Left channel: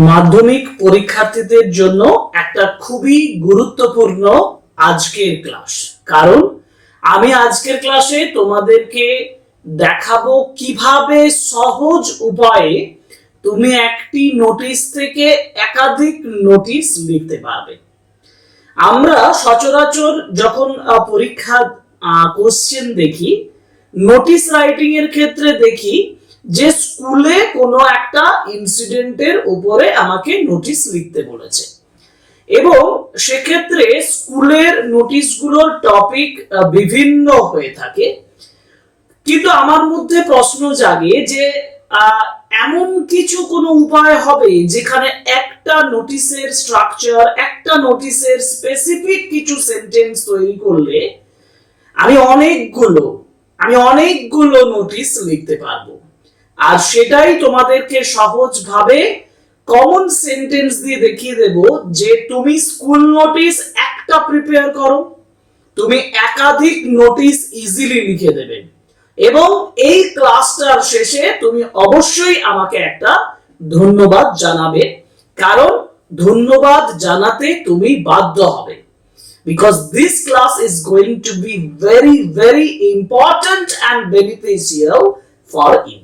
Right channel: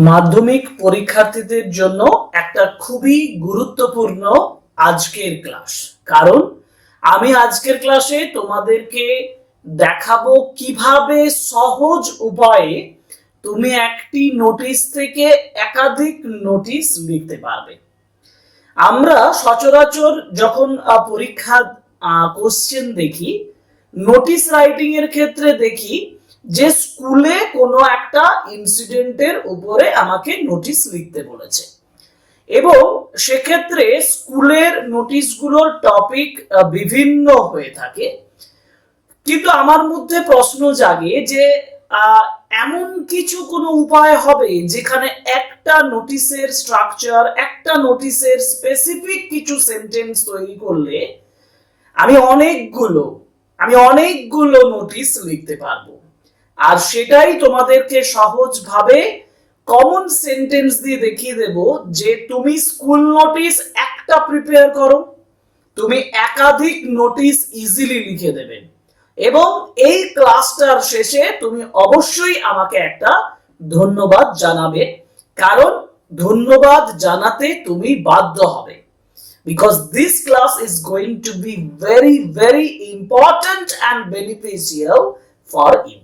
মাধ্যমিক পরীক্ষার্থীদের জন্য একটা খুবই গুরুত্বপূর্ণ আজকের ক্লাস কারণ আমি আজকের ক্লাসে তোমাদেরকে দেখাবো কীভাবে সহজ উপায়ে তুমি একটি নোটিশ থেকে একাধিক নোটিশ লিখতে পারবে। আমরা সচরাচর যখন আহ, পরীক্ষার কোশ্চেন দেখি নোটিশ রাইটিং এর ক্ষেত্রে দেখি যে স্কুলে কোনো একটা ইনসিডেন্টের উপরে আমাকে নোটিশ লিখতে বলেছে। এবং সেক্ষেত্রে স্কুলের নোটিশগুলোর টপিক বিভিন্ন হয়ে থাকে। কিন্তু আমার মধ্যে প্রশ্ন জাগে যে এমন কিছু কোনো উপায় হবে যেখানে একটা নোটিশের স্ট্রাকচার একটা নোটিশের স্পেসিফিক কিছু সেন্টেন্স তৈরি করলে আমি অনেকগুলো আমি অনেকগুলো নোটিশ লিখতে পারব। আর সেটাই তোমাদেরকে সহজভাবে কমন সেন্টেন্স দিয়ে দেখিয়ে দেব যে তুমি স্কুল নোটিশ একটা প্রিপেয়ার করো, তুমি একাধিক নোটিশ ইজিলি লিখে দেবে এবং এই ক্লাসটার শেষে তুমি অবশ্যই আমাকে একটা ধন্যবাদ জানাবে, কারণ ধন্যবাদ জানাতে তুমি বাধ্য হবে। Because this class is going to be very very important and beneficial for you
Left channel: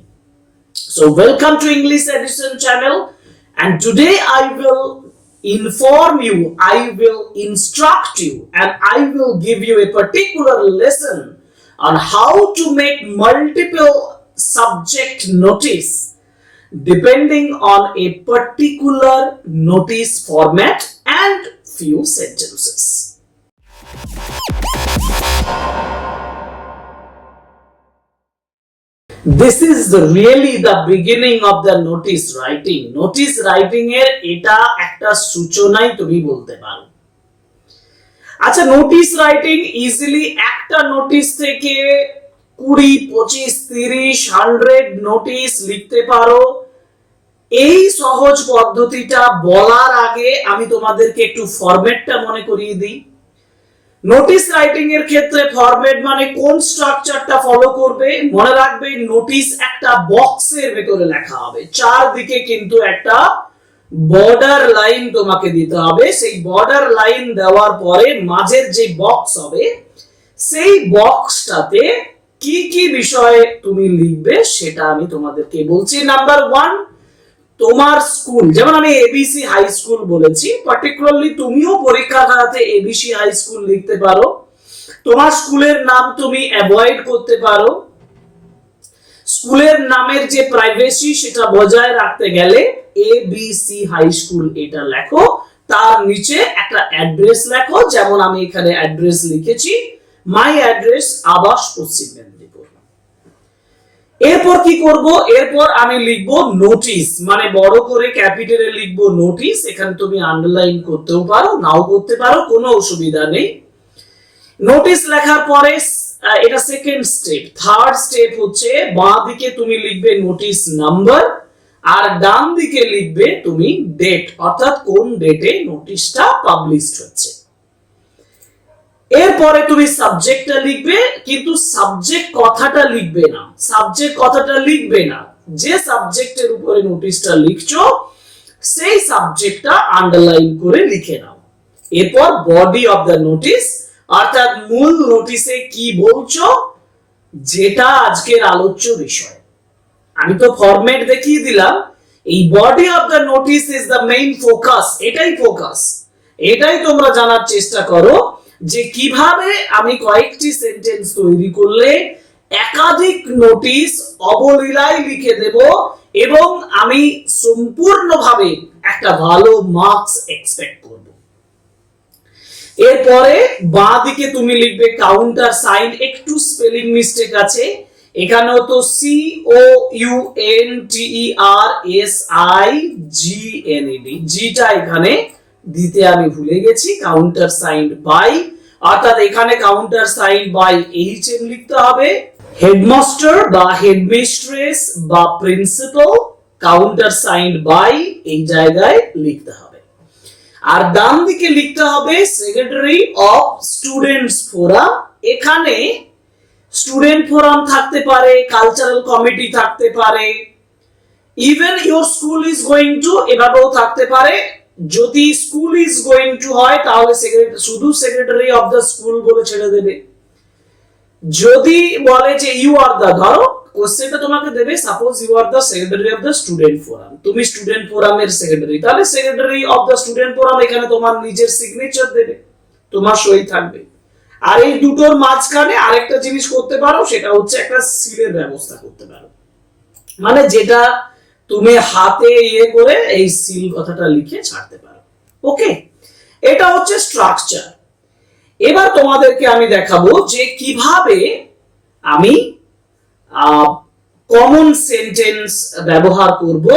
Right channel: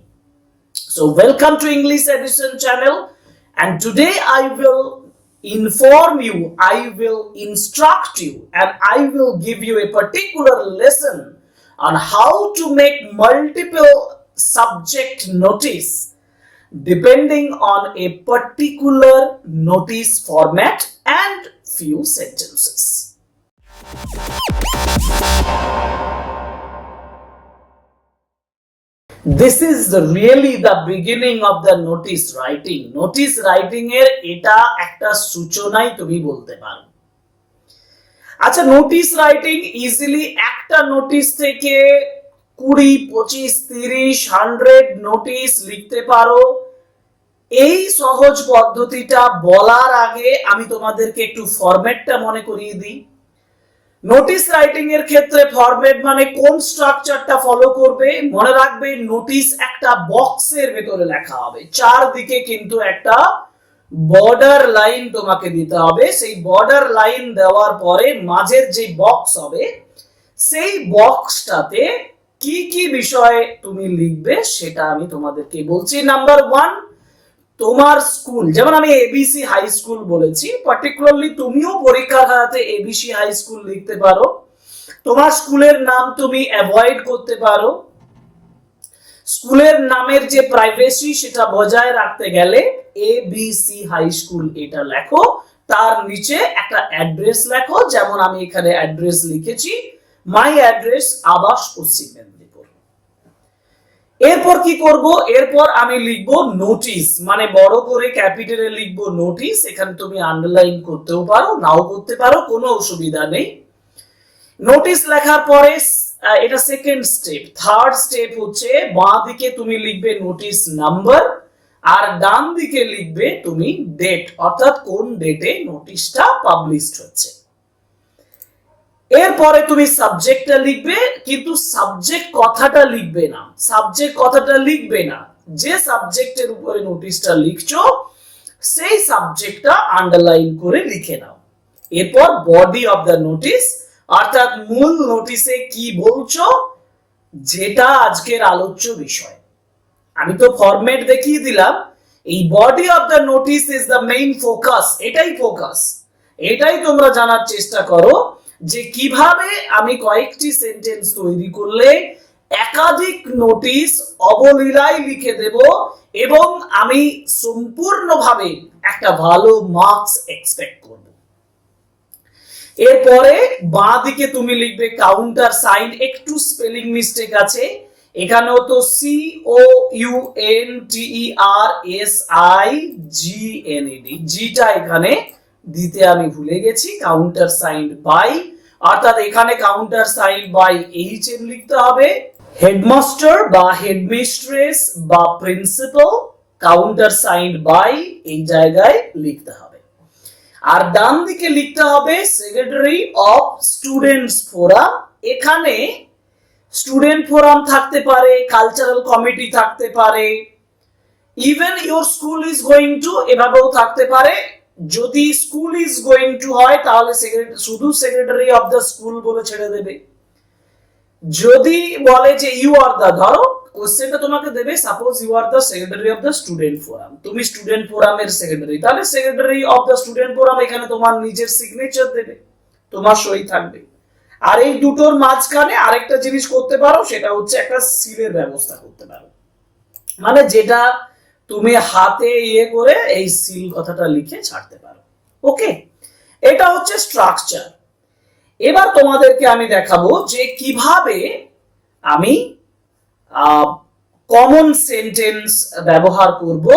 so welcome to english edition channel. And today i will inform you i will instruct you and i will give you a particular lesson on how to make multiple subject notice depending on a particular notice format and few sentences is the really the beginning of the notice writing. Notice writing এর এটা একটা সূচনাই তুমি বলতে পারো। আচ্ছা notice writing easily একটা notice থেকে কুড়ি, পঁচিশ, তিরিশ হান্ড্রেড নোটিশ লিখতে পারো। এই সহজ পদ্ধতিটা বলার আগে আমি তোমাদেরকে একটু ফরম্যাটটা মনে করিয়ে দিই। নোটিশ রাইটিং এর ক্ষেত্রে ফরম্যাট মানে কোন স্ট্রাকচারটা ফলো করবে? মনে রাখবে নোটিশ একটা বক্সের ভেতরে লেখা হবে। চারদিকে কিন্তু একটা বর্ডার লাইন তোমাকে দিতে হবে। সেই বর্ডার লাইন দেওয়ার পরে মাঝের যে বক্স হবে, সেই বক্সটাতে কি কি বিষয়ে তুমি লিখবে সেটা আমি তোমাদেরকে বলছি। নাম্বার ওয়ান তোমার স্কুল, যেমন আমি এবিসি হাই স্কুল বলেছি পার্টিকুলারলি তুমিও পরীক্ষা খাতাতে এবিসি হাই স্কুল লিখতে পারো। তোমার স্কুলের নাম তুমি অ্যাভয়েড করতে পারো। স্কুলের নামের যে প্রাইভেসি সেটা বজায় রাখতে গেলে A B C high school এটা লেখো। তার নিচে একটা অ্যাড্রেস লেখো, যেমন আমি এখানে অ্যাড্রেস লিখেছি। মাই অ্যাড্রেস আবাস পশ্চিম মেদিনীপুর। এরপর কি করব? এরপর আমি লিখব নোটিশ মানে বড় করে ক্যাপিটালে লিখব নোটিশ এখানে তুমি আন্ডারলাইন করতেও পারো, নাও করতে পারো, কোনো অসুবিধা নেই। নোটিশ লেখার পরে এটা সেকেন্ড স্টেপ থার্ড স্টেপ হচ্ছে বাঁ দিকে তুমি লিখবে নোটিশ নাম্বার আর ডান দিকে লিখবে তুমি ডেট অর্থাৎ কোন ডেটে নোটিশটা পাবলিশড হচ্ছে। এরপরে তুমি সাবজেক্টটা লিখবে, কিন্তু সাবজেক্ট কথাটা লিখবে না। সাবজেক্ট কথাটা লিখবে না। যে সাবজেক্টের উপরে নোটিশটা লিখছো, সেই সাবজেক্টটা আন্ডারলাইন করে লিখে নাও। এরপর বডি অফ দ্য নোটিশ অর্থাৎ মূল নোটিশে কি বলছো, যেটা আজকের আলোচ্য বিষয়। আমি তো ফরম্যাট দেখিয়ে দিলাম। এই body of the notice is the main focus এটাই ফোকাস এটাই তোমরা জানার চেষ্টা করো যে কীভাবে আমি কয়েকটি সেন্টেন্স তৈরি করলে একাধিক নোটিশ অবলীলায় লিখে দেব এবং আমি সম্পূর্ণভাবে একটা ভালো মার্কস এক্সপেক্ট করব। এরপরে বাঁ দিকে তুমি লিখবে কাউন্টার সাইন একটু স্পেলিং মিস্টেক আছে। এখানেও তো C O U N T E R S I G N E D জিটা এখানে দিতে আমি ভুলে গেছি কাউন্টার সাইন বাই অর্থাৎ এখানে counter sign by H M লিখতে হবে। হেডমাস্টার বা হেডমিস্ট্রেস বা প্রিন্সিপাল কাউন্টার সাইন বাই এই জায়গায় লিখতে হবে। আর ডান দিকে লিখতে হবে সেক্রেটারি অফ স্টুডেন্টস ফোরাম এখানে স্টুডেন্ট ফোরাম থাকতে পারে কালচারাল কমিটি থাকতে পারে। Even your school is going to এভাবেও থাকতে পারে। যদি স্কুল ইজ গোয়িং টু হয়, তাহলে শুধু সেক্রেটারি অফ দ্য স্কুল বলে ছেড়ে দেবে। যদি বলে যে ইউ আর দা ধরো কোশ্চেনটা তোমাকে দেবে suppose you are the secretary of the student forum তুমি স্টুডেন্ট ফোরামের সেক্রেটারি তাহলে secretary of the student forum এখানে তোমার নিজের সিগনেচার দেবে, তোমার সই থাকবে। আর এই দুটোর মাঝখানে আরেকটা জিনিস করতে পারো, সেটা হচ্ছে একটা সিলের ব্যবস্থা করতে পারো। মানে যেটা তুমি হাতে ইয়ে করে এই সিল কথাটা লিখে ছাড়তে পারো। ওকে এটা হচ্ছে স্ট্রাকচার এবার তোমাদেরকে আমি দেখাবো যে কীভাবে আমি কমন সেন্টেন্স ব্যবহার করব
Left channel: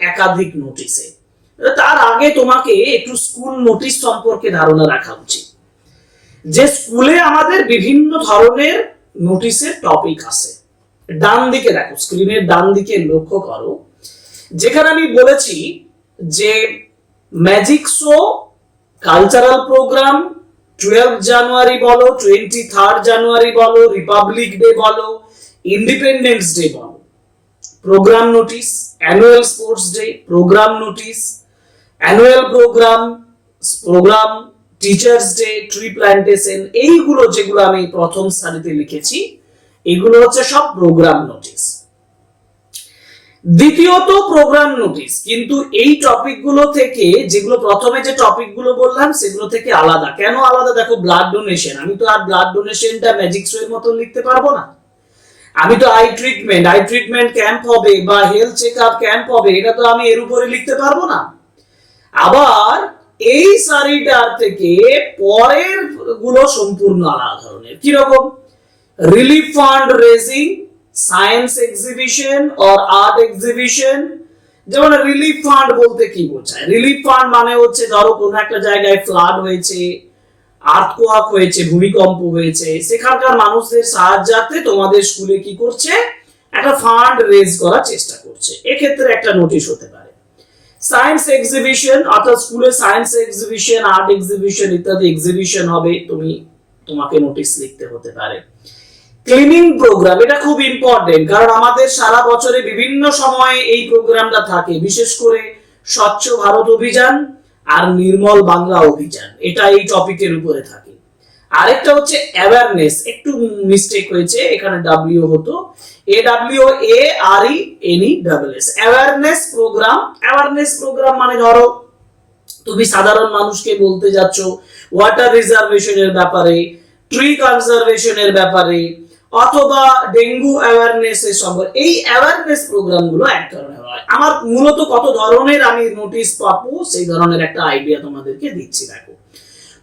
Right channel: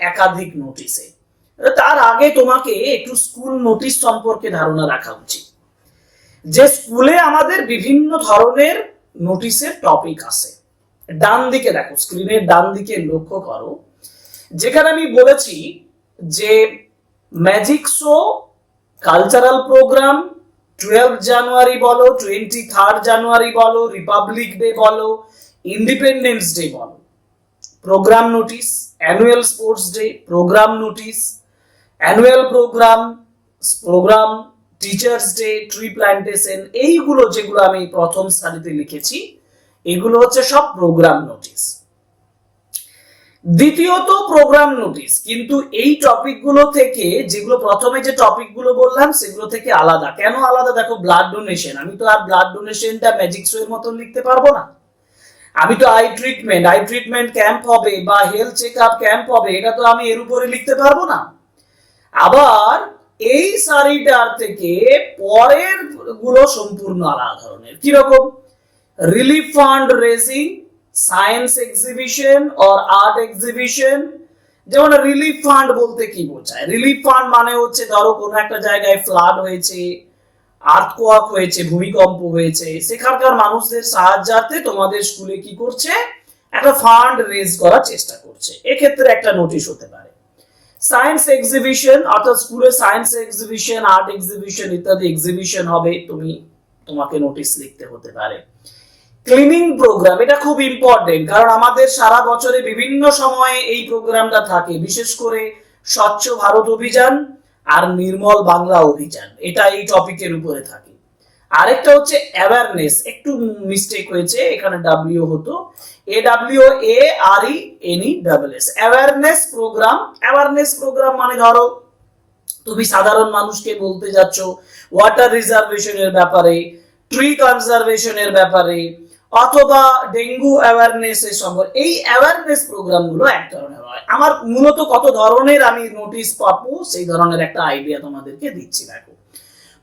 একাধিক নোটিসে তার আগে তোমাকে একটু স্কুল নোটিশ সম্পর্কে ধারণা রাখা উচিত। যে স্কুলে আমাদের বিভিন্ন ধরনের নোটিশের টপিক আছে। ডান দিকে দেখো স্ক্রিনের ডান দিকে লক্ষ্য করো। যেখানে আমি বলেছি যে magic show cultural programme twelve January বলো টোয়েন্টি থার্ড জানুয়ারি বলো রিপাবলিক ডে বলো ইন্ডিপেন্ডেন্স ডে বলো। Programme notice annual sports day programme notice annual programme programme teachers day tree plantation এইগুলো যেগুলো আমি প্রথম সারিতে লিখেছি, এগুলো হচ্ছে সব প্রোগ্রাম নোটিশ দ্বিতীয়ত প্রোগ্রাম নোটিশ কিন্তু এই টপিকগুলো থেকে যেগুলো প্রথমে যে টপিকগুলো বললাম, সেগুলো থেকে আলাদা। কেন আলাদা? দেখো ব্লাড ডোনেশন আমি তো আর ব্লাড ডোনেশনটা ম্যাজিক শো এর মতো লিখতে পারব না। আমি তো eye treatment eye treatment camp হবে বা হেলথ চেক আপ ক্যাম্প হবে, এটা তো আমি এর উপরে লিখতে পারব না। আবার এই সারিটার থেকে পরেরগুলো সম্পূর্ণ আলাদা ধরনের। কীরকম? Relief fund raising science exhibition or art exhibition যেমন রিলিফ ফান্ড বলতে কি বোঝায়? রিলিফ ফান্ড মানে হচ্ছে ধরো কোনো একটা জায়গায় ফ্লাড হয়েছে আর্থকোয়াক হয়েছে, ভূমিকম্প হয়েছে, সেখানকার মানুষদের সাহায্যার্থে তোমাদের স্কুলে কি করছে? একটা ফান্ড রেজ করার চেষ্টা করছে। এক্ষেত্রে একটা নোটিশ হতে পারে। সায়েন্স এক্সিবিশন অর্থাৎ স্কুলে সায়েন্স এক্সিবিশন আর্ট এক্সিবিশন ইত্যাদি এক্সিবিশন হবে, তুমি তোমাকে নোটিশ লিখতে হতে পারে। ক্লিনিং প্রোগ্রাম এটা খুব ইম্পর্টেন্ট কারণ আমাদের সারা বছরে বিভিন্ন সময়ে এই প্রোগ্রামটা থাকে। বিশেষ করে স্বচ্ছ ভারত অভিযান আর নির্মল বাংলা অভিযান, এটা এই টপিকের উপরে থাকে। আরেকটা হচ্ছে অ্যাওয়ারনেস একটু মিস্টেক হয়েছে, এখানে ডাব্লিউ হতো। A W A R E N E double S awareness programme awareness programme মানে ধরো, তুমি সাধারণ মানুষকে বলতে যাচ্ছ ওয়াটার রিজার্ভেশনের ব্যাপারে ট্রি কনজারভেশনের ব্যাপারে অথবা ডেঙ্গু অ্যাওয়ারনেস সম্পর্কে এই অ্যাওয়ারনেস প্রোগ্রামগুলো এক ধরনের হয়। আমার মূলত কত ধরনের আমি নোটিশ পাবো, সেই ধরনের একটা আইডিয়া তোমাদেরকে দিচ্ছি, দেখো।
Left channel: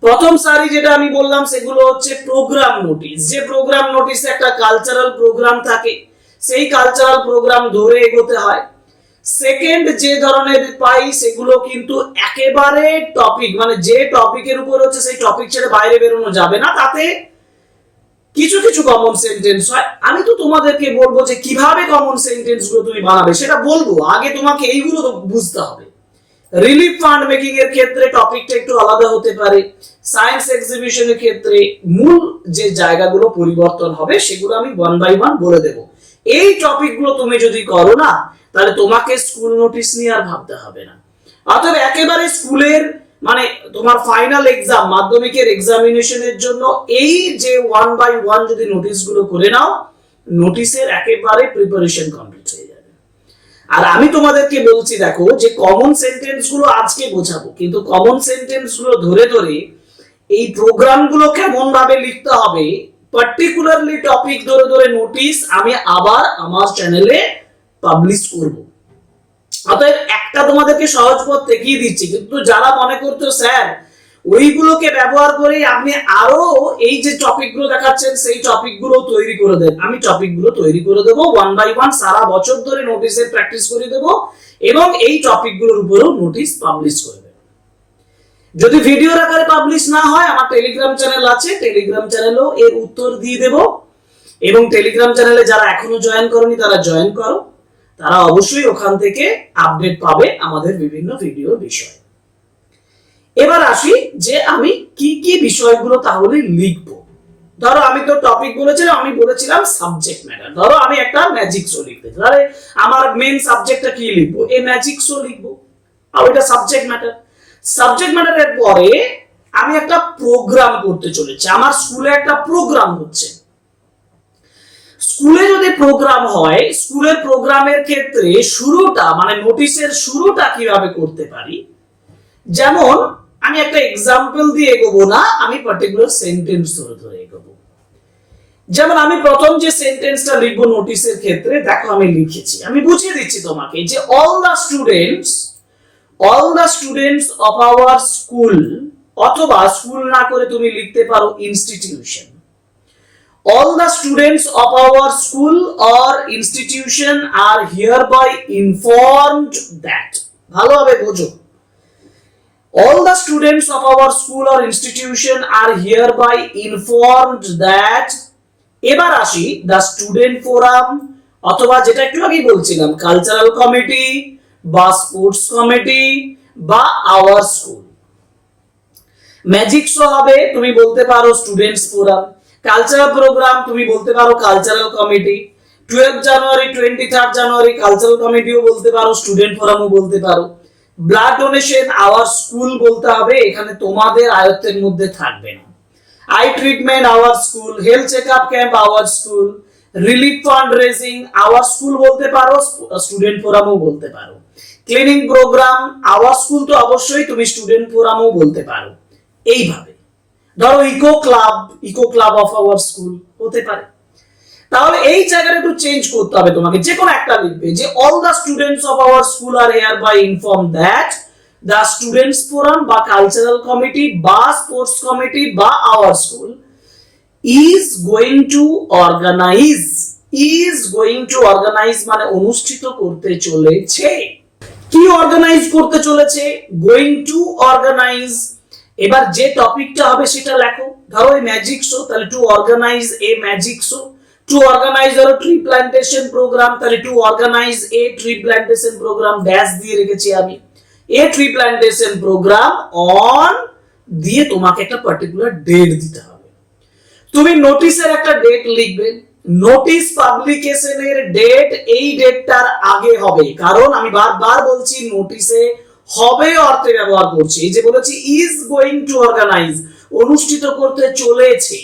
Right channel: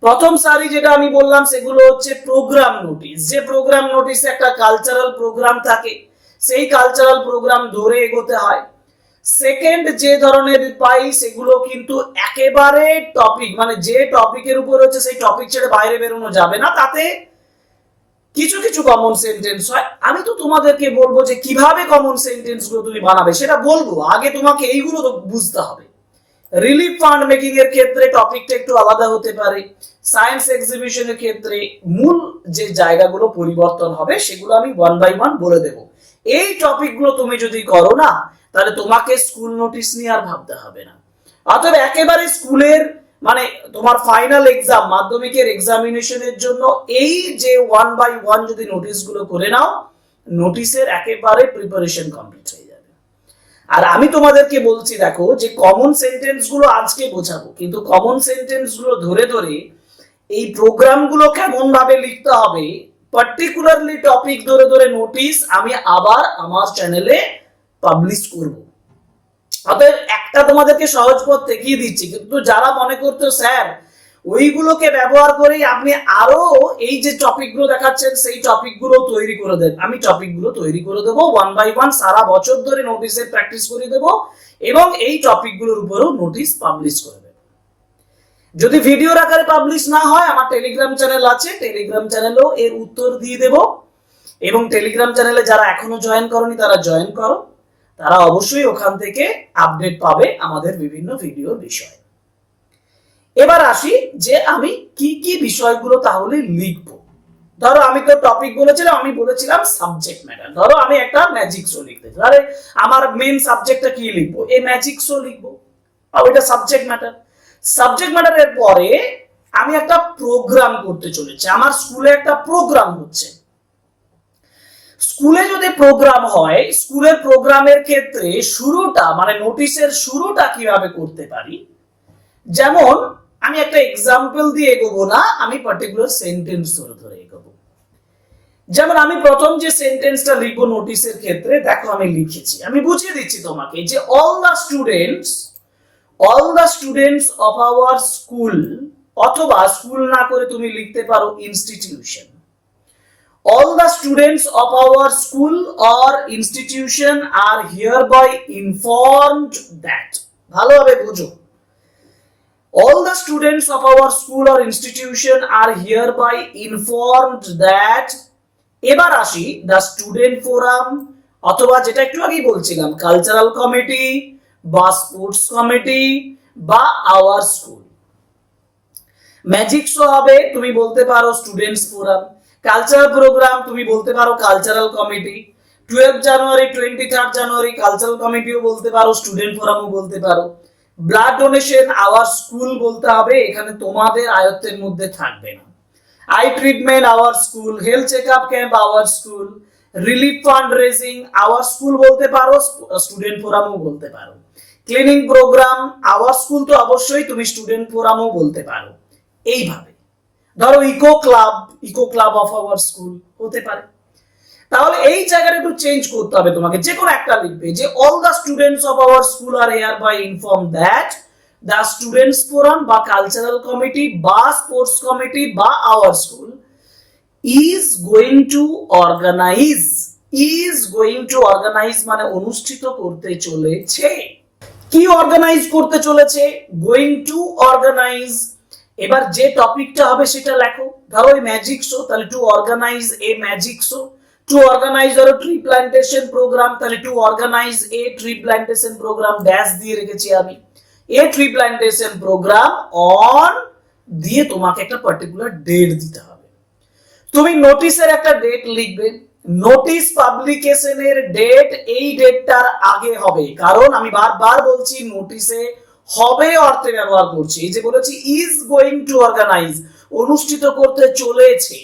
প্রথম সারি যেটা আমি বললাম, সেগুলো হচ্ছে প্রোগ্রাম নোটিশ যে প্রোগ্রাম নোটিশে একটা কালচারাল প্রোগ্রাম থাকে, সেই কালচারাল প্রোগ্রাম ধরে এগোতে হয়। সেকেন্ড যে ধরনের পাই, সেগুলো কিন্তু একেবারে টপিক মানে যে টপিকের উপর হচ্ছে, সেই টপিক ছেড়ে বাইরে বেরোনো যাবে না। তাতে কিছু কিছু কমন সেন্টেন্স হয়। আমি তো তোমাদেরকে বলব যে কীভাবে কমন সেন্টেন্সগুলো তুমি বানাবে, সেটা বলব। আগে তোমাকে এইগুলো বুঝতে হবে। রিলিফ ফান্ড মেকিং এর ক্ষেত্রে টপিকটা একটু আলাদা হতে পারে। সায়েন্স এক্সিবিশনের ক্ষেত্রে মূল যে জায়গাগুলো পরিবর্তন হবে, সেগুলো আমি ওয়ান বাই ওয়ান বলে দেব। এই টপিকগুলো তুমি যদি করো না, তাহলে তোমাকে স্কুল নোটিশ নিয়ে আর ভাবতে হবে না। অতএব একেবারে স্কুলের মানে তোমার ফাইনাল এক্সাম মাধ্যমিকের এক্সামিনেশনের জন্য এই যে ওয়ান বাই ওয়ান যদি নোটিশগুলো করে নাও নোটিশের একেবারে প্রিপারেশন কমপ্লিট হয়ে যাবে। আর আমি তোমাদেরকে বলছি, দেখো, যে কমন সেন্টেন্সগুলো আজকে বোঝাবো, কিন্তু কমন সেন্টেন্সগুলো ধরে ধরে এই প্রোগ্রাম প্রোগ্রামগুলো কেমন ভাবে লিখতে হবে পার্টিকুলারলি টপিক ধরে ধরে নোটিশ আমি আবার আমার চ্যানেলে পাবলিশ করব। অতএব একটা তোমাদেরকে সহজ পথ দেখিয়ে দিচ্ছি, কিন্তু যারা মনে করতো, স্যার, ওইগুলোকে ব্যবহার করে আপনি আরও এই যে টপিকগুলো দেখাচ্ছেন, সেই টপিকগুলো তৈরি করে দেন। আমি টপিকগুলো তৈরি করে দেবো ওয়ান বাই ওয়ান সারা বছর ধরে নোটিশের প্র্যাকটিস করে দেবো এবং এই টপিকগুলোর উপরেও নোটিশ পাবলিশ করে দেবো। যদি ভিডিওর আকারে পাবলিশ না হয়, আমার টেলিগ্রাম চ্যানেল আছে টেলিগ্রাম চ্যানেলও এর উত্তর দিয়ে দেব এবং টেলিগ্রাম চ্যানেলে যারা এখনও জয়েন করনি, তারা জয়েন করো। তারা অবশ্যই ওখান থেকে আপডেট পাবে আমাদের বিভিন্ন ভিডিওর বিষয়। এবার আসি যে আমি কি কি বিষয়গুলো তাহলে লিখব। ধরো আমি তো টপিক বলেছিলাম, আমি বলেছিলাম সাবজেক্ট ম্যাটার ধরো আমি একটা ম্যাজিক শো লিখতে। তাহলে আমার মেন সাবজেক্টটা কি লিখব? এ ম্যাজিক শো লিখব। আর ওইটা সাবজেক্ট ম্যাটার সাবজেক্ট ম্যাটারের পরে আমি একটা প্রোগ্রাম করতে চলেছি। আমার স্কুলে একটা প্রোগ্রাম হচ্ছে। স্কুলে যদি প্রোগ্রাম হয়, স্কুলের প্রোগ্রামের ক্ষেত্রে শুরুটা মানে নোটিশের শুরুটা কীভাবে করতে পারি? যেমন, আমি একটা এক্সাম্পল দিয়ে এগোবো না, আমি পার্টিকুলার সেন্টেন্স ধরে ধরে এগোবো। যেমন, আমি প্রথম যে সেন্টেন্সটা লিখব নোটিশের ক্ষেত্রে, দেখো আমি লিখেছি। আমি বুঝিয়ে দিচ্ছি তোমাকে যে all the students all the students of our school অথবা স্কুল না করে তুমি লিখতে পারো institution all the students of our school or institution are hereby informed that ভালোভাবে বোঝো all the students of our school or institution are hereby informed that এবার আসি দ্য স্টুডেন্ট ফোরাম অথবা যেটা একটু আগেই বলছিলাম কালচারাল কমিটি বা স্পোর্টস কমিটি বা আওয়ার স্কুল ম্যাজিক শো হবে তুমি বলতে পারো স্টুডেন্টস ফোরাম কালচারাল প্রোগ্রাম তুমি বলতে পারো cultural committee twelve January twenty third January cultural কমিটিও বলতে পারো স্টুডেন্ট ফোরামও বলতে পারো। ব্লাড ডোনেশন আওয়ার স্কুল বলতে হবে, এখানে তোমাদের আয়ত্তের মধ্যে থাকবে না। Eye treatment our school health check up camp our school relief fund raising our school বলতে পারো স্টুডেন্ট ফোরামও বলতে পারো। ক্লিনিং প্রোগ্রাম আওয়ার স্কুল তো অবশ্যই তুমি স্টুডেন্ট ফোরামও বলতে পারো। এইভাবে। ধরো eco club eco club of our school হতে পারে। তাহলে এই জায়গাটা একটু চেঞ্জ করতে হবে তোমাকে। যে কোনো একটা লিখবে যে all the students of our school are hereby inform that the students forum বা কালচারাল কমিটি বা স্পোর্টস কমিটি বা our school is going to organise is going to organise মানে অনুষ্ঠিত করতে চলেছে। কি অর্গানাইজ করতে চলেছে? গোয়িং টু অর্গানাইজ এবার যে টপিকটা হবে সেটা লেখো। ধরো ওই ম্যাজিক শো তাহলে to organise a magic show to organise ধরো ট্রি প্ল্যান্টেশন প্রোগ্রাম তাহলে to organise a tree plantation programme dash দিয়ে রেখেছি আমি। A tree plantation programme on দিয়ে তোমাকে একটা পার্টিকুলার ডেট দিতে হবে। তুমি নোটিশের একটা ডেট লিখবে। নোটিশ পাবলিকেশনের ডেট এই ডেটটার আগে হবে। কারণ আমি বারবার বলছি নোটিশে হবে অর্থে ব্যবহার করছি। এই যে বলেছি ইজ গোয়িং টু অর্গানাইজ অনুষ্ঠিত করতে চলেছে।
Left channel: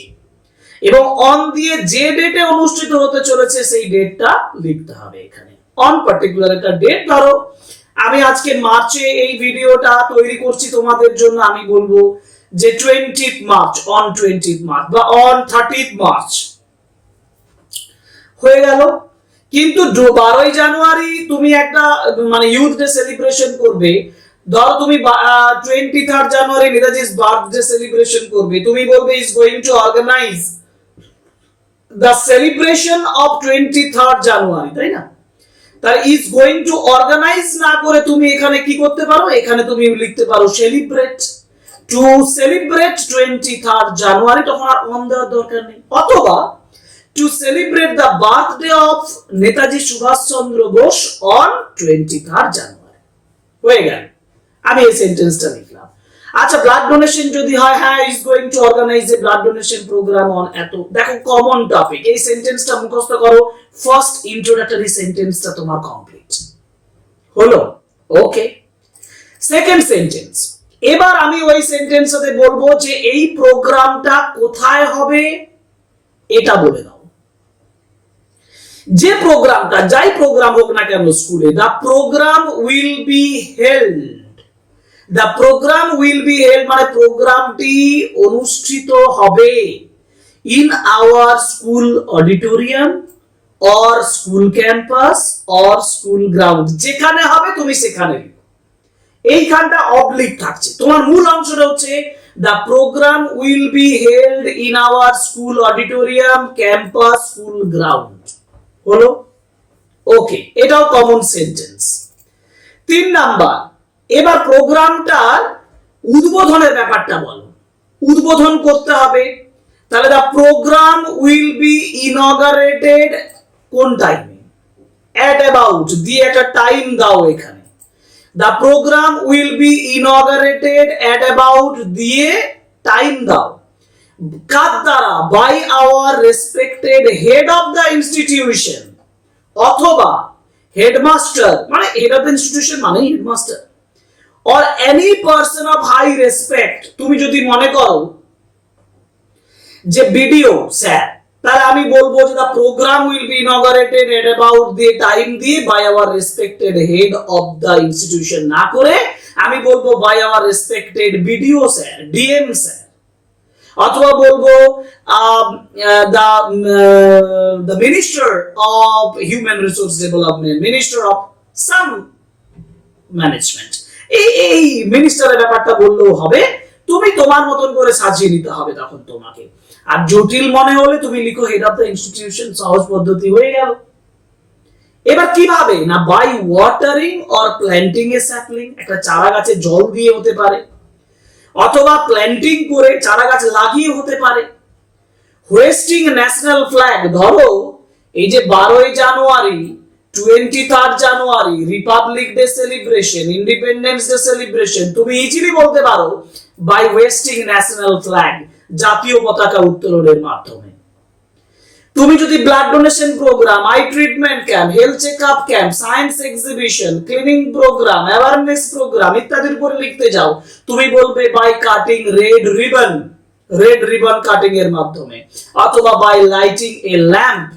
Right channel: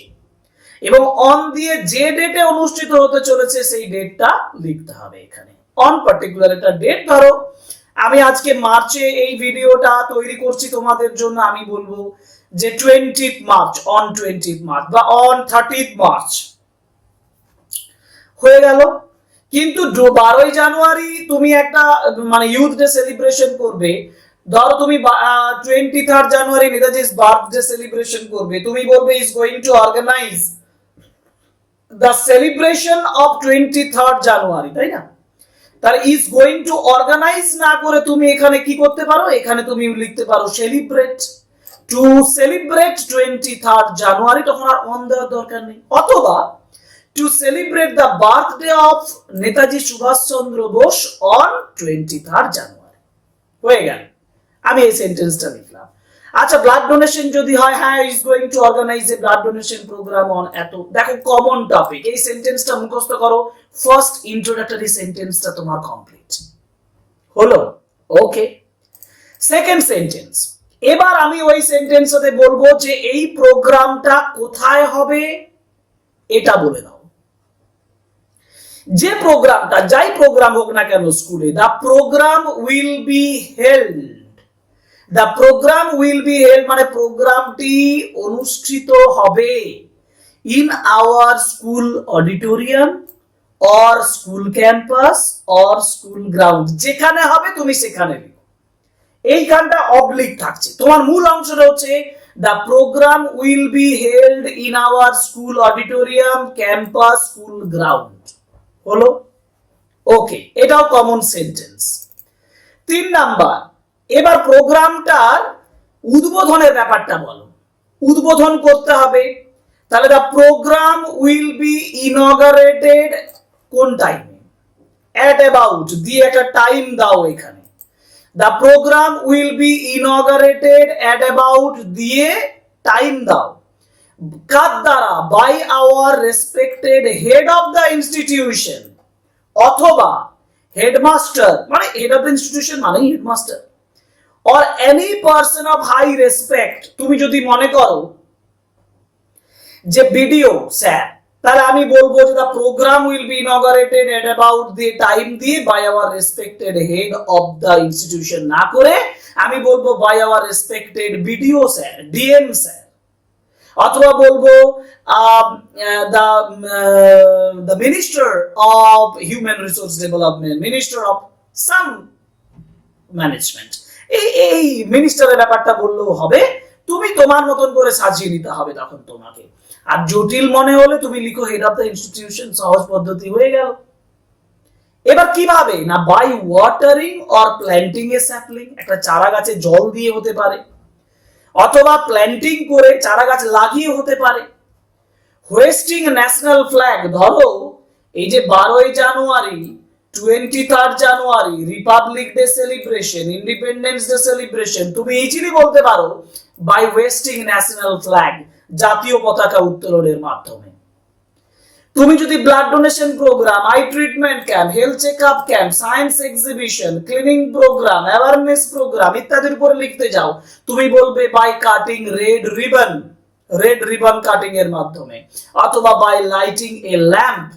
এবং অন দিয়ে যে ডেটে অনুষ্ঠিত হতে চলেছে, সেই ডেটটা লিখতে হবে এখানে। অন পার্টিকুলার একটা ডেট ধরো, আমি আজকে মার্চে এই ভিডিওটা তৈরি করছি তোমাদের জন্য, আমি বলব যে twenty March on twenty March বা অন থার্টি মার্চ। হয়ে গেল। কিন্তু বারোই জানুয়ারি তুমি একটা মানে ইউথ ডে সেলিব্রেশন করবে। ধরো তুমি টোয়েন্টি থার্ড জানুয়ারি নেতাজির বার্থডে সেলিব্রেশন করবে। তুমি বলবে is going to organise the celebration of twenty third January, তাই না? তাহলে ইজ গোয়িং টু অর্গানাইজ না করে তুমি এখানে কি করতে পারো? এখানে তুমি লিখতে পারো celebrate to celebrate twenty third January তখন আর অন দেওয়ার দরকার নেই। অথবা celebrate the birthday of Netaji Subhas Chandra Bose on twenty third January হয়ে গেল। আমি এই সেন্টেন্সটা লিখলাম। আচ্ছা ব্লাড ডোনেশন যদি হয় হ্যাঁ is going to organise a blood donation programme on এত, দেখো কমন টপিক এই সেন্টেন্সটা মুখস্থ করো। ফার্স্ট ইন্ট্রোডাক্টরি সেন্টেন্সটা তোমার কমপ্লিট হলো? ওকে সেকেন্ড সেন্টেন্স এবার আমি ওই সেন্টেন্সটাতে বলব যে এই প্রোগ্রামটা কোথায় হবে? এটা বলে দাও। যে প্রোগ্রামটা, যাই প্রোগ্রাম হোক না কেন স্কুলে the programme will be held the programme will be held মানে প্রোগ্রামটি অনুষ্ঠিত হবে in our school auditorium or school campus or school ground যেখানে হবে তুমি সেখানে এইখানটা অবলিক থাকছে। তোমার মূল অংশটা হচ্ছে the programme will be held in our school auditorium campus school ground হলো? ওকে এটাও কমন সেন্টেন্স তিন নাম্বার, এবার প্রোগ্রামটার উদ্বোধনের ব্যাপারটা বলো। উদ্বোধন করতে হবে। তাহলে the programme will be inaugurated কোন টাইমে অ্যাট অ্যাবাউট দিয়ে একটা টাইম দাও এখানে। The programme will be inaugurated at about দিয়ে টাইম দাও। কার দ্বারা by our respected head of the institution অথবা হেডমাস্টার মানে হেড অফ ইনস্টিটিউশন মানে headmaster or any person of high respect তুমি যদি মনে করো যে ভিডিও স্যার, তাহলে আমি বলব যে the programme will be inaugurated at about the time দিয়ে by our respected head of the institution না করে আমি বলব by our respected BDO, sir DM sir অথবা বলব the the minister of human resource development minister of some management এই এই মিনিস্টারের ব্যাপারটা বললেও হবে, তুমি তোমার মতন করে সাজিয়ে নিতে হবে তখন তোমাকে। আর জটিল মনে হলে তুমি লিখো হেড অফ দ্য ইনস্টিটিউশন সহজ পদ্ধতি হয়ে গেল। এবার কীভাবে? না by watering or planting a sapling একটা চারা গাছে জল দিয়ে হতে পারে। অথবা প্ল্যান্টিং করে চারা গাছ লাগিয়ে হতে পারে। হোয়েস্টিং ন্যাশনাল ফ্ল্যাগ ধরো, এই যে বারোই জানুয়ারি twenty third January Republic Day celebration Independence Day celebration তুমি ইজিলি বলতে পারো বাই ওয়েস্টিং ন্যাশনাল ফ্ল্যাগ জাতীয় পতাকা উত্তোলনের মাধ্যমে। তুমি যদি blood donation program eye treatment camp health check up camp science exhibition cleaning program awareness program ইত্যাদির উপরে লিখতে যাও, তুমি বলবে by cutting red ribbon red ribbon cutting এর মাধ্যমে, অথবা বাই লাইটিং এ ল্যাম্প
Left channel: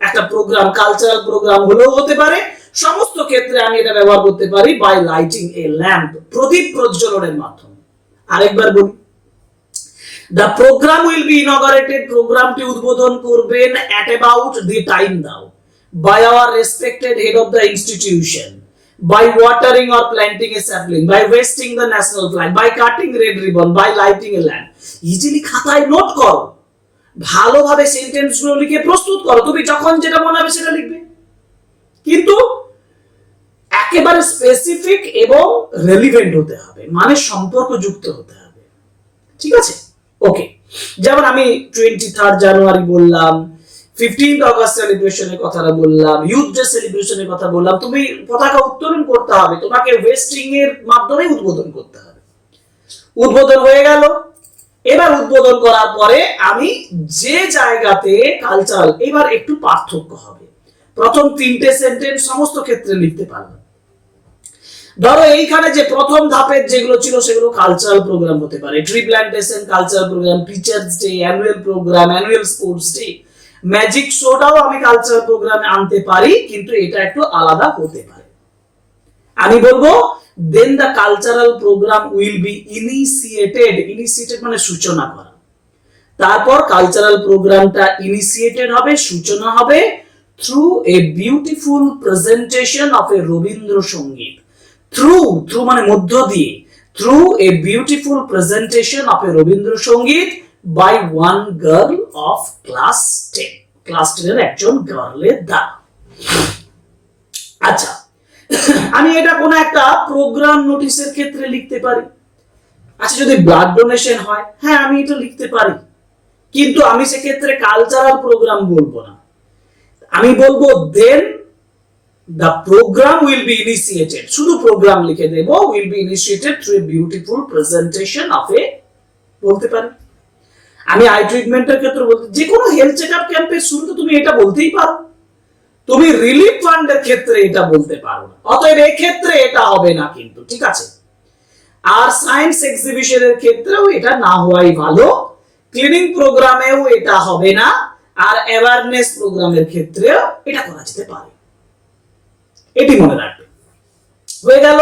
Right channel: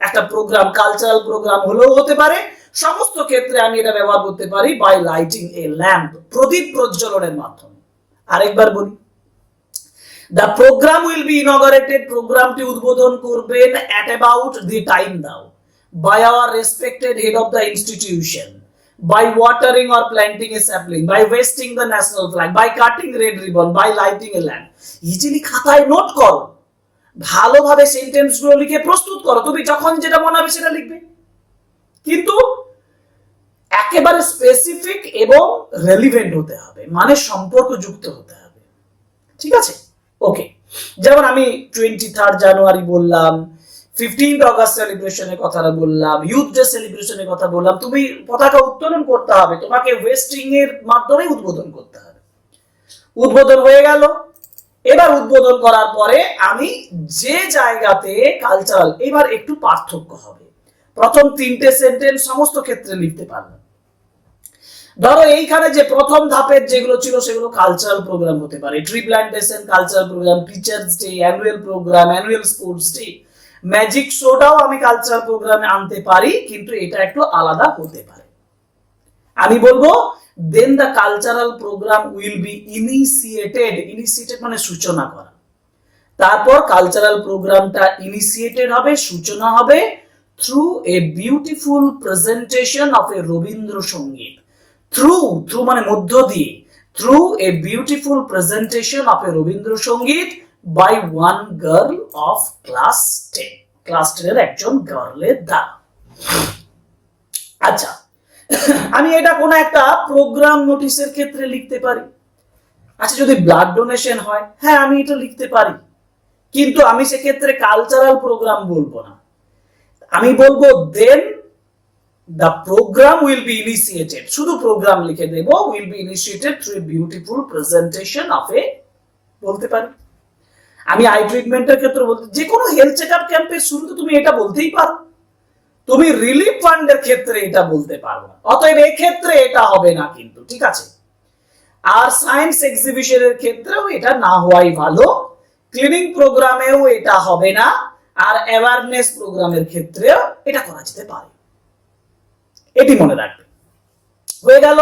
একটা প্রোগ্রাম কালচারাল প্রোগ্রাম হলেও হতে পারে, সমস্ত ক্ষেত্রে আমি এটা ব্যবহার করতে পারি বাই লাইটিং এ ল্যাম্প প্রদীপ প্রজ্বলনের মাধ্যমে। আরেকবার বলি the program will be inaugurated প্রোগ্রামটি উদ্বোধন করবেন অ্যাট অ্যাবাউট দি টাইম দাও by our respected head of the institution by watering or planting a sapling, by wasting the national flag, by cutting red ribbon, by lighting a lamp. Easily খাতায় note করো। ভালোভাবে সেন্টেন্সগুলো লিখে প্রস্তুত করো। তুমি যখন যেটা মনে হবে সেটা লিখবে। কিন্তু একেবারে স্পেসিফিক এবং রেলিভেন্ট হতে হবে। মানে সম্পর্কযুক্ত হতে হবে। ঠিক আছে? ওকে যেমন আমি টোয়েন্টি থার্ড জানুয়ারি বললাম ফিফটিন্থ অগস্ট সেলিব্রেশনের কথাটা বললাম ইউথ ডে সেলিব্রেশনের কথা বললাম, তুমি পতাকা উত্তোলন করতে হবে, তোমাকে ওয়েস্টিং এর মাধ্যমে উদ্বোধন করতে হবে। উদ্বোধন হয়ে গেল। এবার উদ্বোধন করার পরে আমি যে জায়গাতে কালচারাল এবার একটু পার্থক্য হবে। প্রথম তিনটে সেন্টেন্স সমস্ত ক্ষেত্রে লিখতে পারলাম। ধরো এইখানে যে প্রথম ধাপের যেগুলো ছিল সেগুলো কালচারাল প্রোগ্রাম হতে পারে। Tree plantation cultural program teachers day annual program annual sports day magic শোটাও আমি কালচারাল প্রোগ্রামে আনতে পারি, কিন্তু এটা একটু আলাদা হতে পারে। আমি বলব then the cultural program will be initiated initiated মানে সূচনা করা। তারপর কালচারাল প্রোগ্রামটা ইনিশিয়েটেড হবে, সূচনা হবে through a beautiful presentation of a Rabindrasangeet. Through through মানে মধ্য দিয়ে। Through a beautiful presentation of a Rabindrasangeet by one girl of class ten class টেনের একজন গার্লের দ্বারা আচ্ছা আমি এটা কোনো একটা প্রোগ্রাম নোটিশের ক্ষেত্রে লিখতে পারি। আচ্ছা যদি ব্লাড ডোনেশন হয় হ্যাঁ আমি এটা লিখতে পারি। কিন্তু আমি সেক্ষেত্রে কালচারাল প্রোগ্রাম বলব না। আমি বলব then the program will be initiated শুধু প্রোগ্রাম লিখে দেব will be initiated through beautiful presentation of a বলতে পারি। আমি আই ট্রিটমেন্টের ক্ষেত্রে বলতে, যে কোনো হেলথ চেক আপ ক্যাম্পের শুরুতে তুমি এটা বলতেই পারো। তুমি রিলিফ ফান্ডের ক্ষেত্রে এটা বলতে পারো না। অতএব ক্ষেত্রে এটা হবে না কিন্তু, ঠিক আছে? আর সায়েন্স এক্সিবিশনের ক্ষেত্রেও এটা না হওয়াই ভালো। ক্লিনিং প্রোগ্রামেও এটা হবে না। আর অ্যাওয়ারনেস প্রোগ্রামের ক্ষেত্রেও এটা করা যেতে পারে। এটি মনে রাখবে। হয়ে গেল।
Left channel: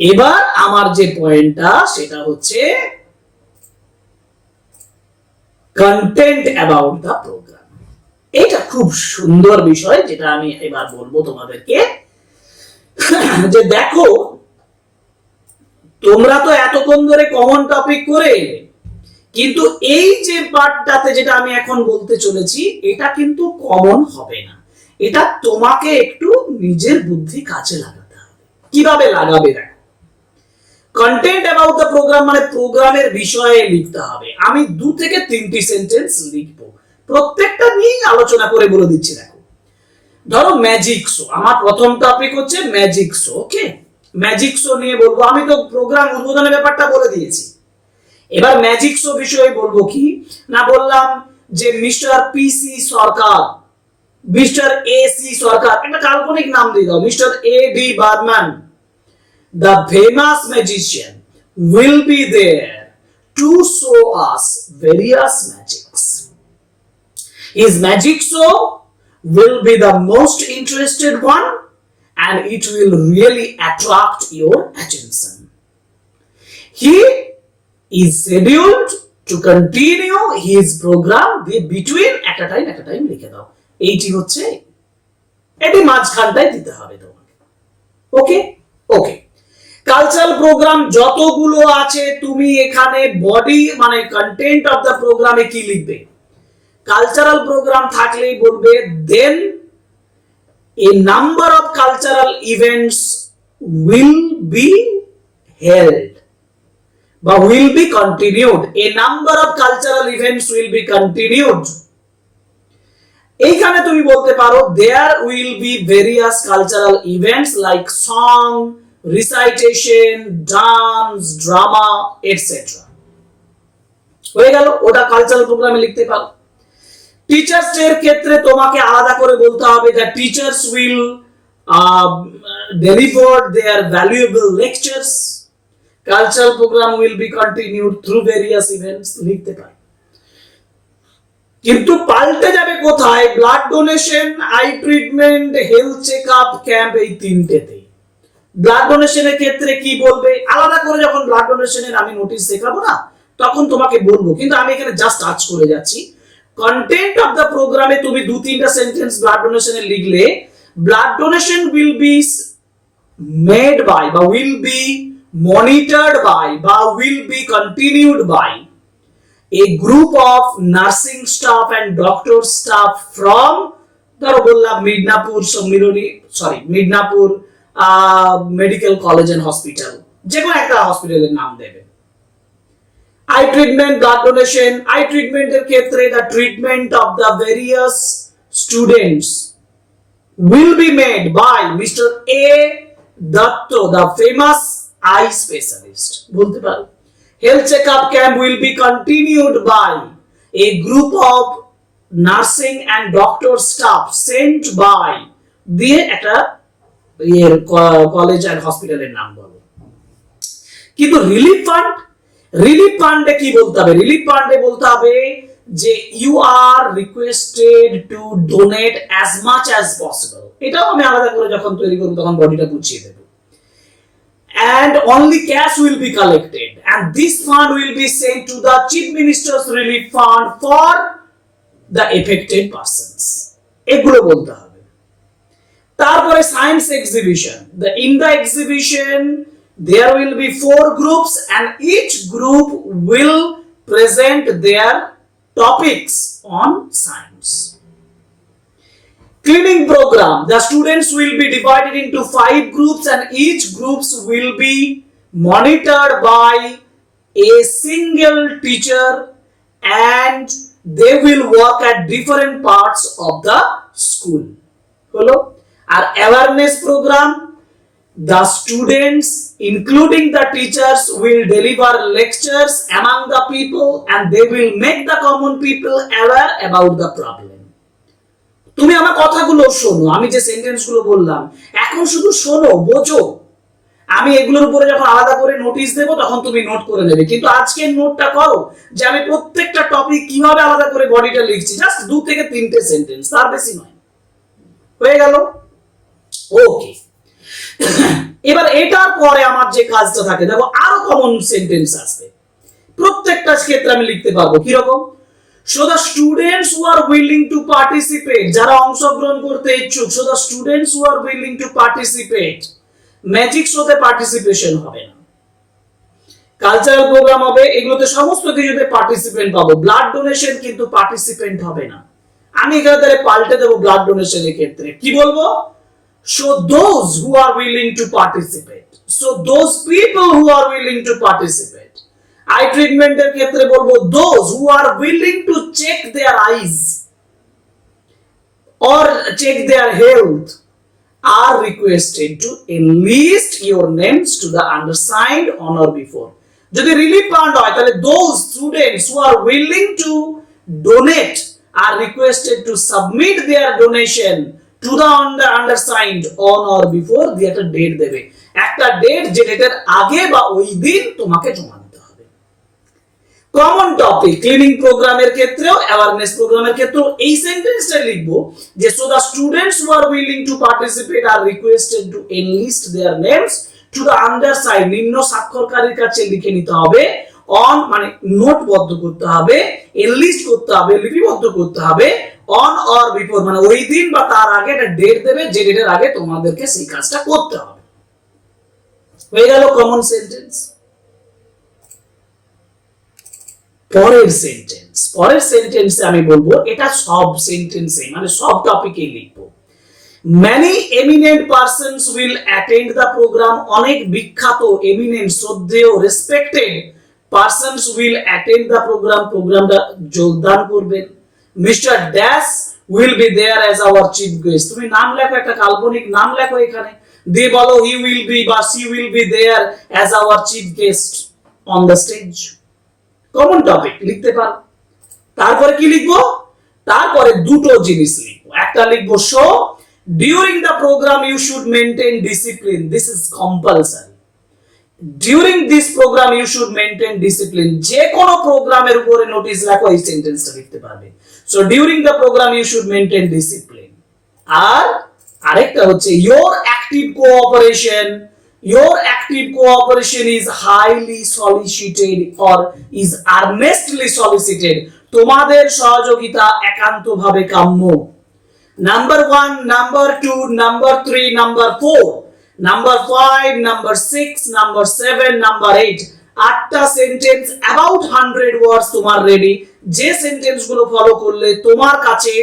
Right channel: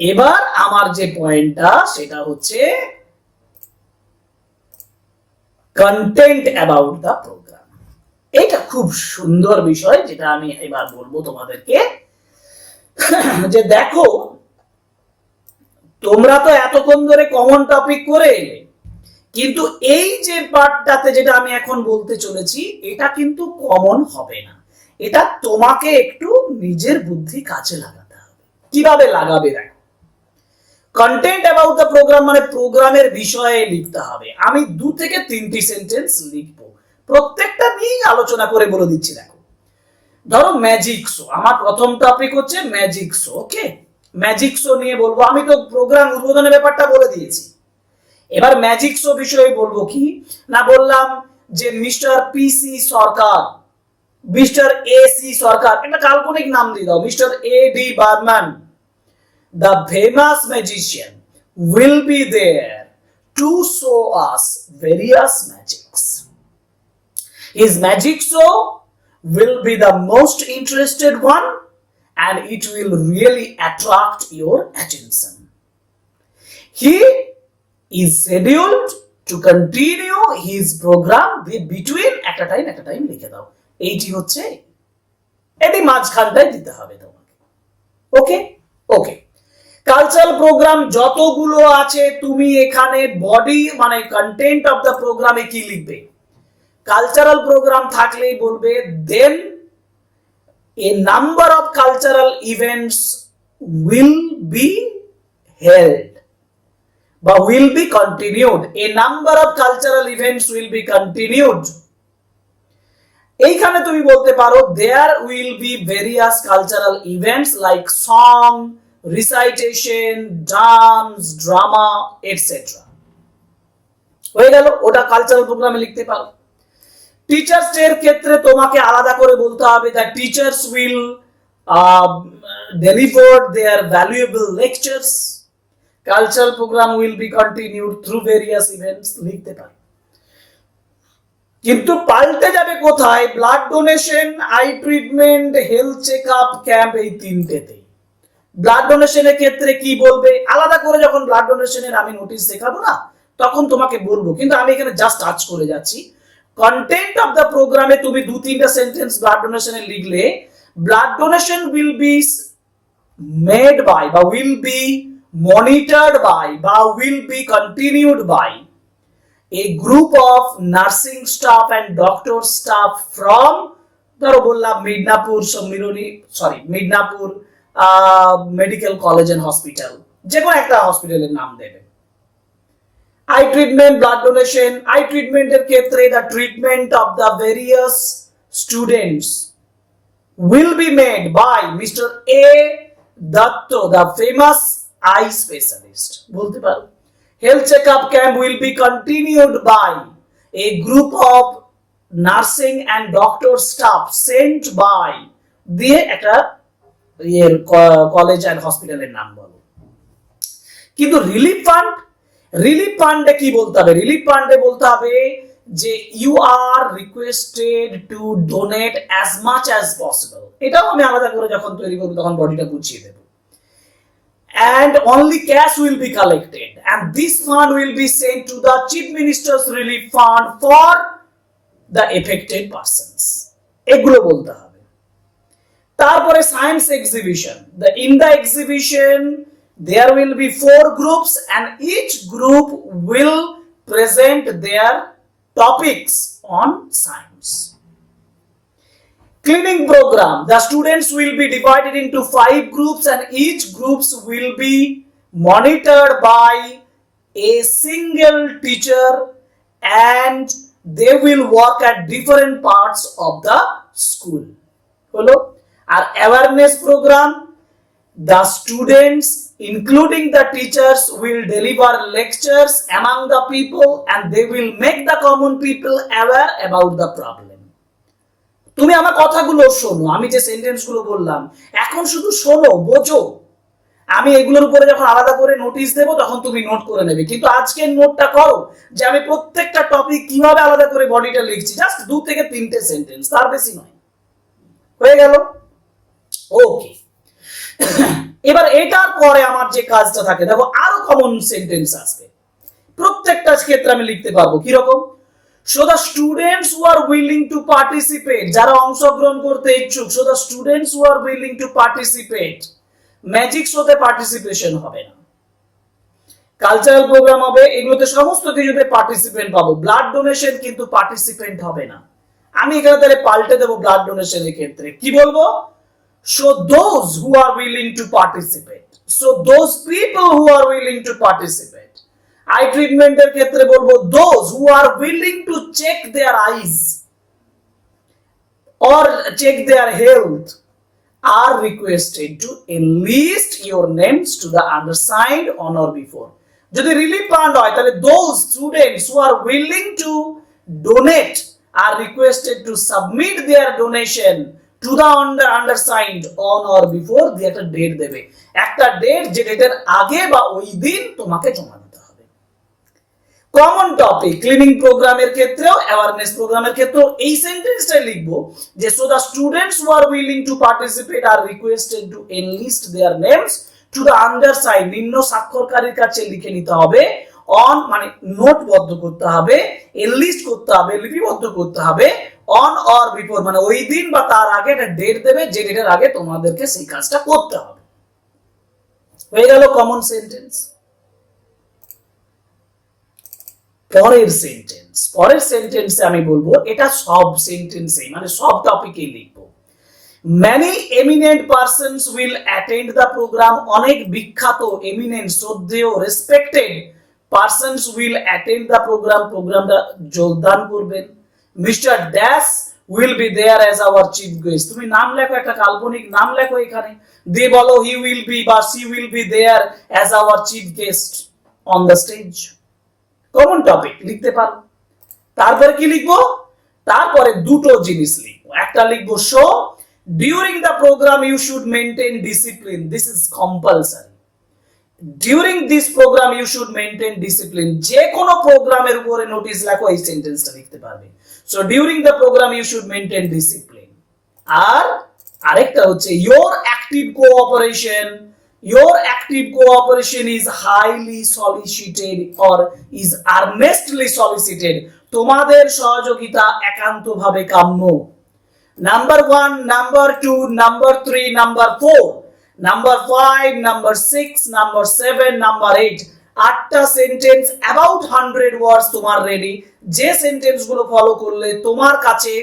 এবার আমার যে পয়েন্টটা সেটা হচ্ছে কন্টেন্ট অ্যাবাউট দ্য প্রোগ্রাম এটা খুব সুন্দর বিষয়, যেটা আমি এবার বলব তোমাদেরকে। যে দেখো, তোমরা তো এতক্ষণ ধরে কমন টপিক করে, কিন্তু এই যে পার্টটাতে যেটা আমি এখন বলতে চলেছি, এটা কিন্তু কমন হবে না। এটা তোমাকে একটু নিজের বুদ্ধি কাজে লাগাতে হবে। কীভাবে লাগাবে দেখো? কন্টেন্ট অ্যাবাউট দ্য প্রোগ্রাম মানে প্রোগ্রামের বিষয়ে লিখতে হবে। আমি দু থেকে তিনটি সেন্টেন্স লিখব। প্রত্যেকটা নিয়েই আলোচনা করে বলে দিচ্ছি দেখো। ধরো ম্যাজিক শো আমার প্রথম টপিক হচ্ছে magic show okay magic show নিয়ে বলব। আমি তো প্রোগ্রাম উদ্বোধনের ব্যাপারটা বলে দিয়েছি। এবার ম্যাজিক শো বিষয়ে বলব কি? না বললাম যে mister PC Sarkar mister A C Sarkar একটা কাল্পনিক নাম দিয়ে দাও mister A D Barman the famous magician will be there to show us various magics. His magic show will be the most interested one and it will really attract your attention. He is scheduled to continue his program be- between একটা time একটা time লিখে দাও এইটি হচ্ছে এটি মাঝখানটায় দিতে হবে তোমাকে। ওকে? ওকে। Cultural programme যতগুলো আছে, তুমি এখানে বডি মানে কন্টেন্ট অফ দ্য প্রোগ্রামে কি লিখবে? কালচারাল প্রোগ্রাম থাকলেই বলবে then a number of cultural events will be held বা will be continued a number of cultural events will be continued এইখানে তুমি বলতে পারো there will be various cultural events like song recitation dance drama etcetera হয়ে গেল, ওটা cultural প্রোগ্রামে লিখতে পারো। টিচার্স এর ক্ষেত্রে তোমাকে আলাদা করে বলতে হবে the teachers will deliver their valuable lectures cultural program will be continued through various events লিখতে পারো। কিন্তু পাল্টে যাবে কোথায়? Blood donation eye treatment health check up camp এই তিনটেতে। ব্লাড ডোনেশনের ক্ষেত্রে কি বলবে? আলাদা করে যখন ব্লাড ডোনেশনের আমি নোটিশ শেখাবো না, তখন তোমাকে বলব। কিন্তু আমি এখানে জাস্ট টাচ করে যাচ্ছি। কন্টেন্ট অফ দ্য প্রোগ্রামে তুমি দু, তিনটা সেন্টেন্স ব্লাড ডোনেশনের লিখলে blood donation will be made by বা উইল বি মনিটর্ড বাই বা will be continued by a group of nursing staff and doctor staff from ধরো বললাম Midnapore Sammilani sorry Midnapore medical college and hospital যে কোনো একটা হসপিটালের নাম দেবে eye treatment blood donation eye ট্রিটমেন্টের ক্ষেত্রে the treatment of the various students will be made by Mr. A. Datto, the famous eye specialist. বলতে পারো health checkup camp will be continued by a group of nursing and doctor staff sent by দিয়ে একটা ইয়ের college and হসপিটালের নাম বলো। কিন্তু relief fund relief ফান্ডে কি বলতে হবে? রিলিফ ফান্ডে বলতে হবে যে you are requested to donate as much as possible এটাও আমি আলাদা করে যখন তৈরি করব, তখন বডিটা বুঝিয়ে দেবো। and only cash will be collected and this fund will be sent to the chief minister's relief fund for the affected persons এগুলো বলতে হবে তারপরে science exhibition the in the exhibition there will be four groups and each group will present their topics on science cleaning program the students will be divided into five groups and each groups will be monitored by a single teacher and they will work at different parts of the school হলো আর awareness program the students including the teachers will deliver lectures among the people and they will make the common people aware about the problem তুমি আমার কথাগুলো শোনো, আমি যে সেন্টেন্সগুলো বললাম, এখন শুধু শোনো, বোঝো। আমি এগুলোর উপরে যখন আলাদা করে নোটিশ দেবো, তখন তুমি নোট করে নেবে। কিন্তু আজকের নোটটা করো যে আমি প্রত্যেকটা টপিক কীভাবে আলাদা করে বডিটা লিখছি জাস্ট দু থেকে তিনটে সেন্টেন্স তার বেশি নয়। হয়ে গেল? ওকে এবার এটার পরে আমার যে কাজটা থাকে, দেখো আরও কমন সেন্টেন্স আসবে। প্রত্যেকটা ক্ষেত্রে আমি লিখতে পারব কীরকম? So the students who are willing to participate যারা অংশগ্রহণ করতে ইচ্ছুক so the students who are willing to participate magic শোতে পার্টিসিপেশন হবে না। কালচারাল প্রোগ্রাম হবে, এগুলোতে সমস্ত কিছুতে পার্টিসিপেন্ট পাবো। ব্লাড ডোনেশন কিন্তু পার্টিসিপেন্ট হবে না। আমি এখানে তাহলে পাল্টে দেবো ব্লাড ডোনেশনের ক্ষেত্রে। কি বলব? So those who are willing to participate so those people who are willing to participate eye ট্রিটমেন্টের ক্ষেত্রে বলব those who are willing to check their eyes or check their health are requested to enlist your names to the undersigned on or before. যদি relief fund হয়, তাহলে those students who are willing to donate are requested to submit their donation to the undersigned on or before দিয়ে একটা date দেবে। একটা date যে ডেটের আগে বা ওই দিন তোমাকে জমা কমন টপিক ক্লিনিং প্রোগ্রামের ক্ষেত্রেও অ্যাওয়ারনেস প্রোগ্রামের ক্ষেত্রেও এই সেন্টেন্সটাই লিখব যে so the students who are willing to participate are requested to enlist their names to the undersigned নিম্ন স্বাক্ষরকারীর কাছে লিখে নিতে হবে অন মানে নোটবদ্ধ করতে হবে এনলিস্ট করতে হবে, লিপিবদ্ধ করতে হবে অন অর বিফোর মানে ওই দিন বা তার আগে একটা ডেট দেবে, যে ডেটের আগে তোমাদেরকে সেই কাজটা করতে হবে। হয়ে গেল কমন সেন্টেন্স পরের সেন্টেন্স পরের সেন্টেন্সে আমি বলব, এটা সব সেন্টেন্সে মানে সব টপিকে লিখব। Many eminent persons will attend the program অনেক বিখ্যাত এমিনেন্ট শ্রদ্ধেয় respected persons will attend the program প্রোগ্রামটা যোগদান করবেন। Mister dash will be there as our chief guest তুমি নাম লেখো, একটা কাল্পনিক নাম লেখো এখানে। দিয়ে বলো হি উইল বি বা she will be there as our chief guest on the stage common topic লিখতে পারো। তারপরে কি লিখব? তারপরে দুটো জিনিস লিখব। একটা লিখব so during the program you should maintain discipline this is compulsory during this program you should maintain discipline যে কোনো প্রোগ্রামের উপরে নোটিশ লেখো, এই সেন্টেন্সটা লিখতে পারবে। So during the program you should maintain discipline আর আরেকটা হচ্ছে your active cooperation your active cooperation is highly solicited or is earnestly solicited. তোমাদের সহযোগিতা একান্তভাবে কাম্য। Number one number two number three number four number five number six number seven number eight আটটা sentence about hundred words তোমার ready যে সেন্টেন্সগুলো follow করলে তোমার কাছে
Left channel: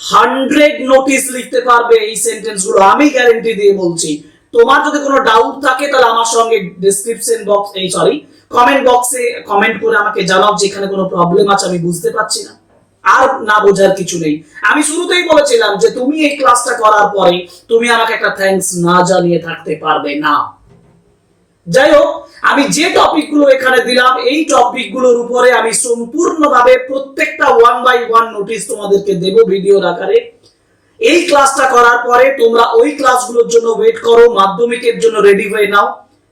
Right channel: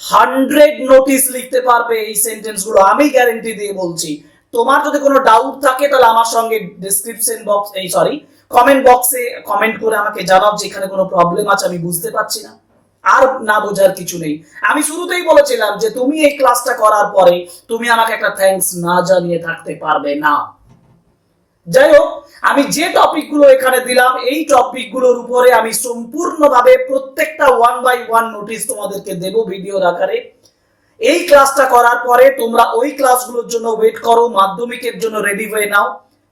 হান্ড্রেড নোটিশ লিখতে পারবে, এই সেন্টেন্সগুলো আমি গ্যারেন্টি দিয়ে বলছি। তোমার যদি কোনো ডাউট থাকে, তাহলে আমার সঙ্গে ডেসক্রিপশন বক্স এই সরি কমেন্ট বক্সে কমেন্ট করে আমাকে জানাও যে এখানে কোনো প্রবলেম আছে, আমি বুঝতে পারছি না। আর না বোঝার কিছু নেই। আমি শুরুতেই বলেছিলাম যে তুমি এই ক্লাসটা করার পরে তুমি আমাকে একটা থ্যাঙ্কস না জানিয়ে থাকতে পারবে না। যাই হোক, আমি যে টপিকগুলো এখানে দিলাম, এই টপিকগুলোর উপরে আমি সম্পূর্ণভাবে প্রত্যেকটা ওয়ান বাই ওয়ান নোটিশ তোমাদেরকে দেব ভিডিওর আকারে। এই ক্লাসটা করার পরে তোমরা ওই ক্লাসগুলোর জন্য ওয়েট করো, মাধ্যমিকের জন্য রেডি হয়ে নাও।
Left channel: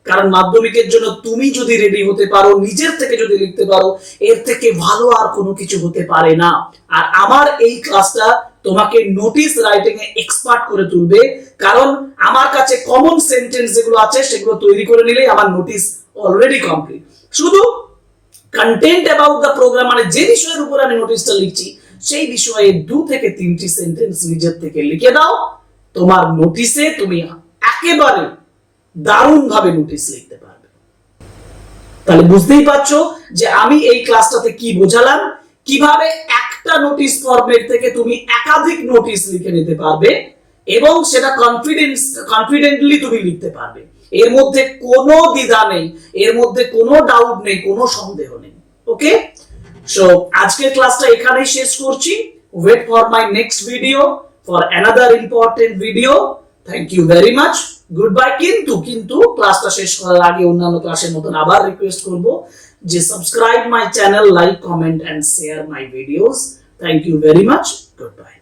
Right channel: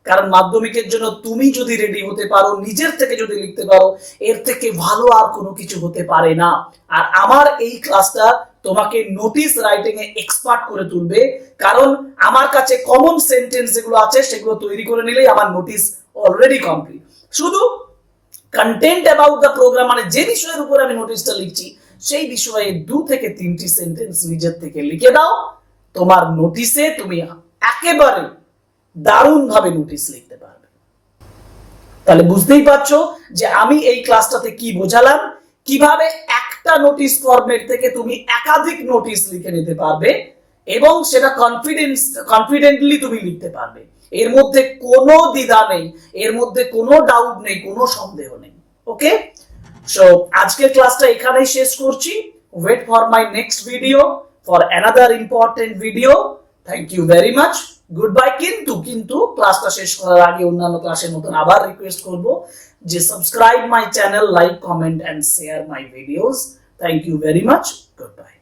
কারণ মাধ্যমিকের জন্য তুমি যদি রেডি হতে পারো, নিজের থেকে যদি লিখতে পারো, এর থেকে ভালো আর কোনো কিছু হতে পারে না। আর আমার এই ক্লাসটা তোমাকে নোটিশ রাইটিং এ এক্সপার্ট করে তুলবে। কারণ আমার কাছে কমন সেন্টেন্স যেগুলো আছে, সেগুলো তৈরি করে নিলেই আমার নোটিশ অলরেডি কমপ্লিট শুধু কন্টেন্ট অ্যাবাউট দ্য প্রোগ্রাম মানে যে বিষয়ের উপর আমি নোটিশটা লিখছি সেই বিষয়ে দু থেকে তিনটি সেন্টেন্স নিজের থেকে লিখে দাও। তোমার নোটিশে তুমি একেবারে দারুণ ভাবে নোটিশ লিখতে পারবে। তাহলে বুঝতেই পারছ যে আমি এই ক্লাসটাতে কি বোঝালাম? কীভাবে একটা নোটিশ ফর্মেট থেকে তুমি একাধিক নোটিশ লিখে নিতে পারবে এবং সেটা কনফিডেন্স কনফিডেন্টলি তুমি লিখতে পারবে। এর মধ্যে কোনো দ্বিধা নেই, এর মধ্যে কোনো ডাউট নেই, কোনো সন্দেহ নেই। ওকে সো আজকের ক্লাসটা এখানেই শেষ করছি। Wait for my next video for another important video thank you very much goodbye কিন্তু কিন্তু ক্লাসটা শেষ করার আগে অন্যান্য ক্লাসের মতন আবার রিকোয়েস্ট করব যে subscribe my channel like comment and share my videos thank you very much goodbye